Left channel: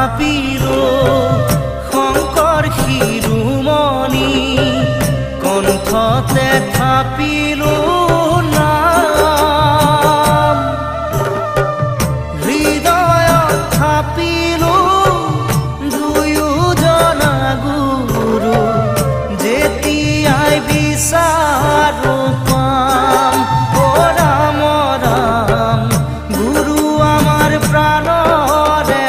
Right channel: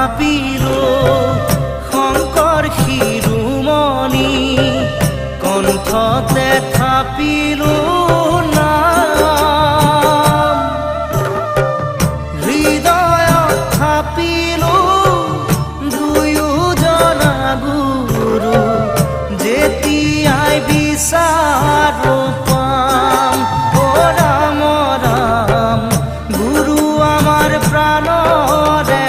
থাপিলো শংকৰ শিৰোমণি কণ্ঠতে থাপিলো নাম হৃদয়ত থাপিলো দুয়োজনা গুৰু যেতিয়াই বিচাৰো পাম ও ৰাম ৰাম গুৰু আমাৰ প্ৰাণৰে